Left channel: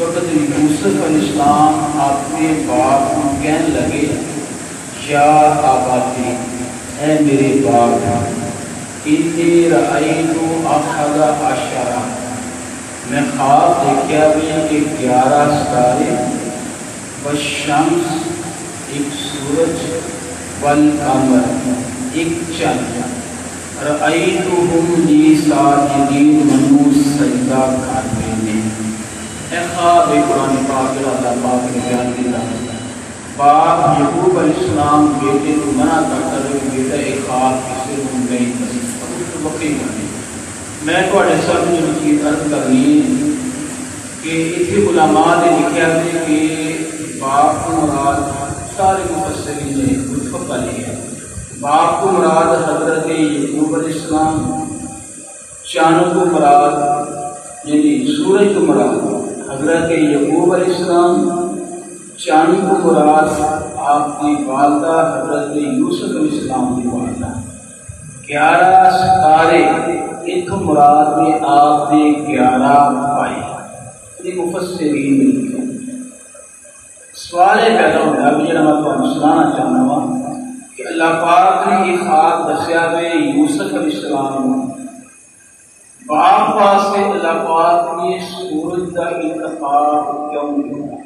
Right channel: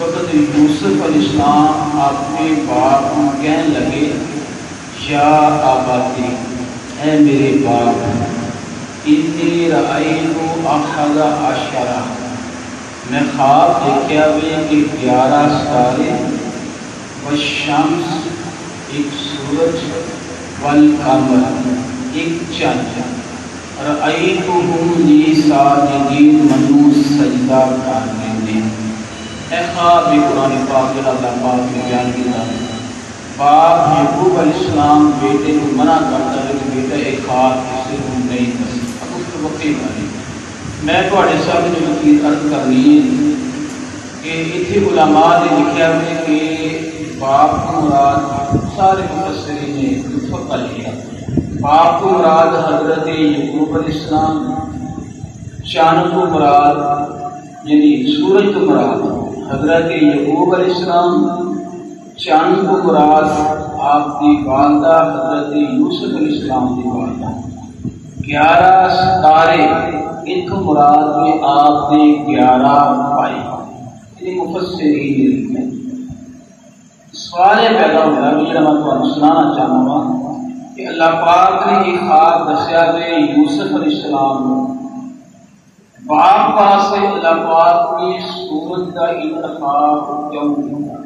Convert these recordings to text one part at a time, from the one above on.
وقت یوسف علیہ السلام اپنے باپ کو کہنے لگے یا آباتی، اے میرے باپ، انی رأیت احد عشر، میں خواب دیکھا ہوئے کہ 11 ستارے، والشمس ایک سورج، والقمر ایک چاند، رأیتہم لی ساجدین منو سجدہ کرنے نے۔ اے خواب قرآن پاک اللہ پاک نے بیان کیا، باپ یعقوب علیہ السلام بیٹے کو منع کرتا ہے کہ بیٹا ایک خواب کسی کو نہیں کری، اس کو وقتی کرنی۔ میں کو سب کی عرض کرنی ہے کہ اتنے علماء نے لکھا ہے کہ باپ کو مراد سارے مفسرین نے متفق علیہ ہے، باپ کو مراد حضرت یعقوب علیہ السلام، چاند کو مراد یعنی سورج کو مراد حضرت یعقوب علیہ السلام، چاند کو مراد آپ کی والدہ حضرت یوسف علیہ السلام کی والدہ، 11 ستارے ایک مراد میں آپ نے 11 پائے، یہ مفسرین نے لکھا۔ سوال پیدا ہوگا کہ میں آپ کو سنانا چاہوں گا کہ اللہ پاک نے یہ خواب دسیا کہ یوسف علیہ السلام باپ واسطے اللہ پاک نے سورج کا انتخاب کیوں کیا،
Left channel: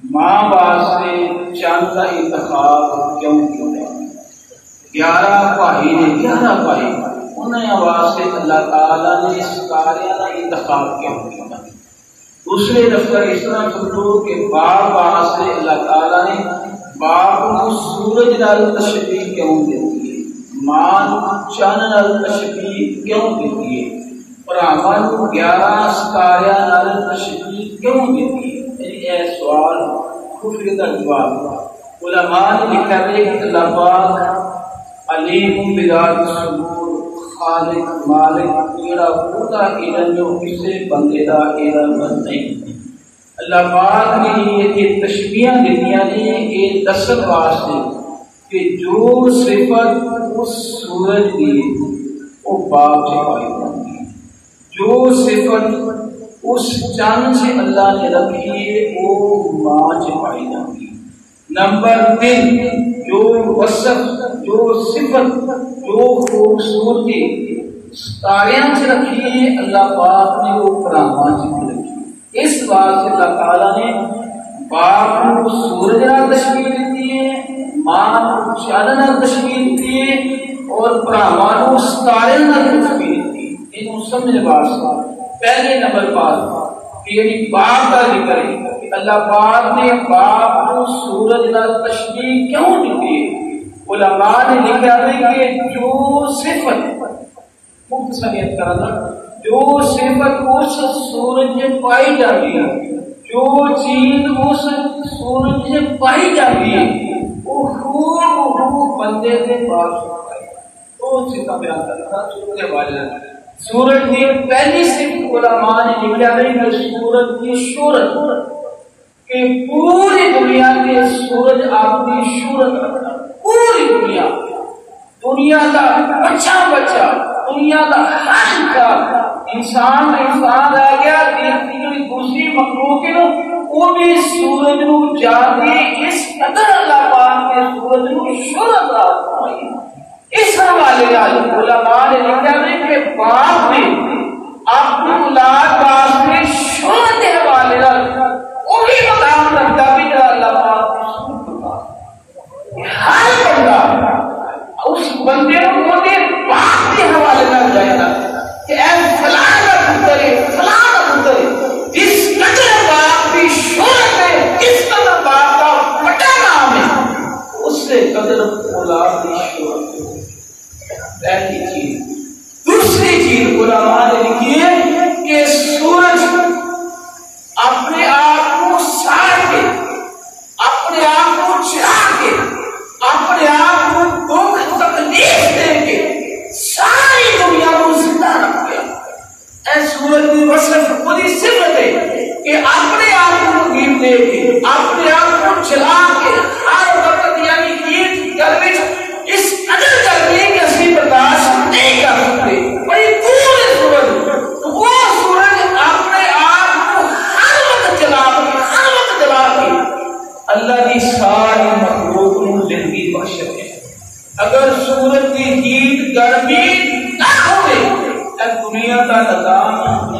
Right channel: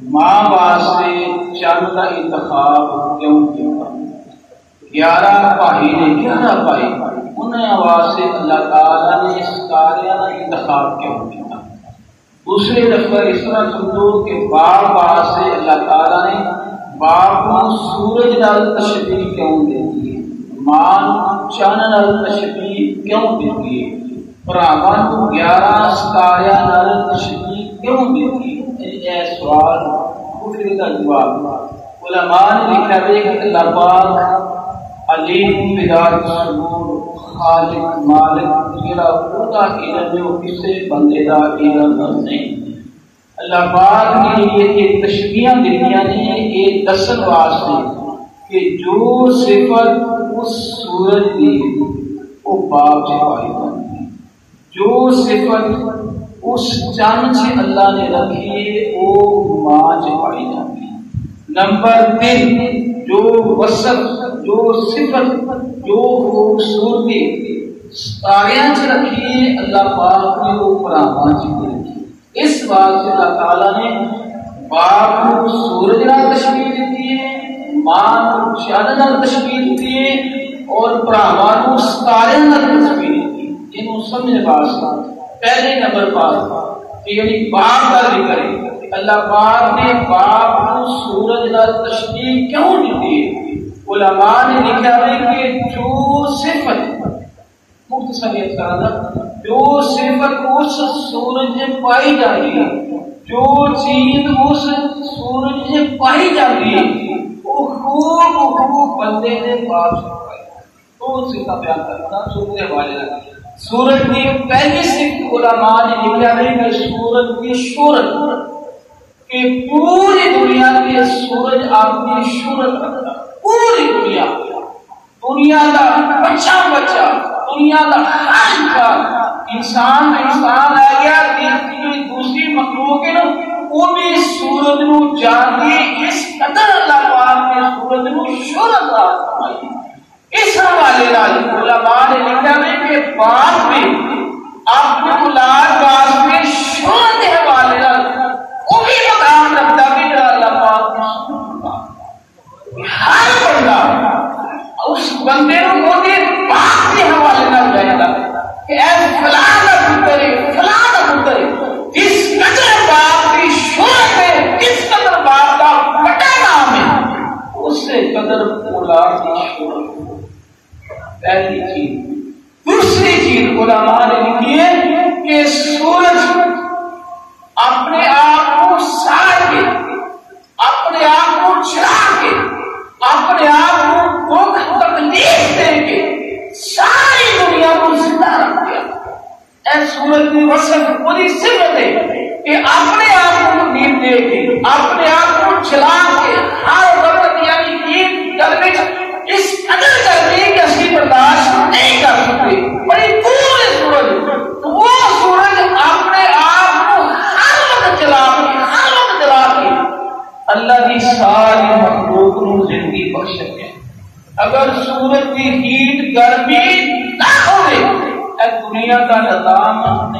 ماں واسطے چاند کا انتخاب کیوں کیا، 11 بھائی نے 11 بھائی انہیں واسطے اللہ تعالیٰ نے ستارے کا انتخاب کیوں کیا۔ دوسرے دفتر اس طرح سمجھو کہ باپ واسطے اللہ تعالیٰ نے باپ کو سورج نال تشبیہ کیوں دیتی ہے، ماں چاند نال تشبیہ کیوں دیتی ہے، بھراواں کو 11 ستارے نال تشبیہ کیوں دیتی ہے۔ اے سوال کفر کا جواب علماء نے لکھا ہے کہ اللہ پاک علیم بذات الصدور، خالق مالک جیڑا خدا علم ہے وہ کسی بندے دا علم نہیں۔ اللہ پاک نے یہ تشبیہ دیتیاں نے یہ دسن واسطے کہ جو صفت اس سورج کی وہ باپ سے پائی جاتی ہے، جو صفت اس چاند سے اللہ نے رکھی ہے وہ ماں سے پائی جاتی ہے۔ نمبر 3، جو وصف، جو صفت، جو خوبصورتی ستاریاں سے رکھی ہے اللہ پاک نے وہ فراہاں سے بھی رکھی ہے۔ اس بات سے اللہ تعالیٰ نے باپ کو سورج نال تشبیہ دیتی ہے، ماں کو چاند نال تشبیہ دیتی ہے اور فراہاں کو ستارے نال تشبیہ دیتی ہے۔ انہوں سمجھنے واسطے پہلے نمبر پر کہ یعنی باپ کا ذکر ہے کہ اللہ پاک نے باپ کو سورج نال تشبیہ کیوں دیتی ہے۔ علماء نے لکھا ہے کہ جو صفت مختصریت کرنا، جو صفت اس سورج میں پائی جاتی ہے، جو چیز اس سورج میں پائی جاتی ہے وہ خوب بندے نے باپ سے پائی۔ کون سی کا بیان کرتا سورج والے سورج کی پہلی صفت علماء نے لکھا ہے کہ سورج کی شہرت، کہ پوری دنیا کے سورج اپنی شہرت رکھتا، پوری دنیا کا بچہ دنیا کا ہر انسان آ گیا دیکھتی ہوئی دوسری مخلوق ہے وہ بھی سورج نو جانتی، اس قدر اللہ پاک نے سورج نو شہرت فرمائی۔ اس حوالے علماء نے لکھا ہے کہ باپ نے اپنے اولاد واسطے شہرت کے حوالے وہی مقام رکھتا بھی جڑا اللہ پاک نے سورج فرمایا۔ ہر بندہ اس بندے کو موٹے باپ کے حوالے نہ جائے گا کہ اے فلاں پتر جس قدر باپ کی شہرت ہے، جس قدر باپ کا بڑا نام ہے، اس سے قدر اولاد کی شہرت ہے۔ پہلی چیز۔ دوسری چیز علماء نے لکھی ہے کہ سورج اپنے آپ کو ساڑ کے، اپنے آپ کو چڑھا کے، اپنے آپ کو دکھ تکلیف دے کے ساری دنیا کو زندہ رکھ دیا۔ اے سورج کی وصف بڑی صفت ہے کہ اپنے آپ کو تکلیف دے کے، اپنے آپ کو چلا کے ہر وقت یعنی کہ گرمی اس قدر گرمی کہ اسی برداشت نہیں کر سکتے، بڑی دور ہے سورج، وہ سورج اپنے آپ کو ہر اللہ کی ساری مخلوق کو زندگی بخشتے ہیں. اگر سورج کی ہیٹ گرمی نہ ہوئے تو دنیا کا نظام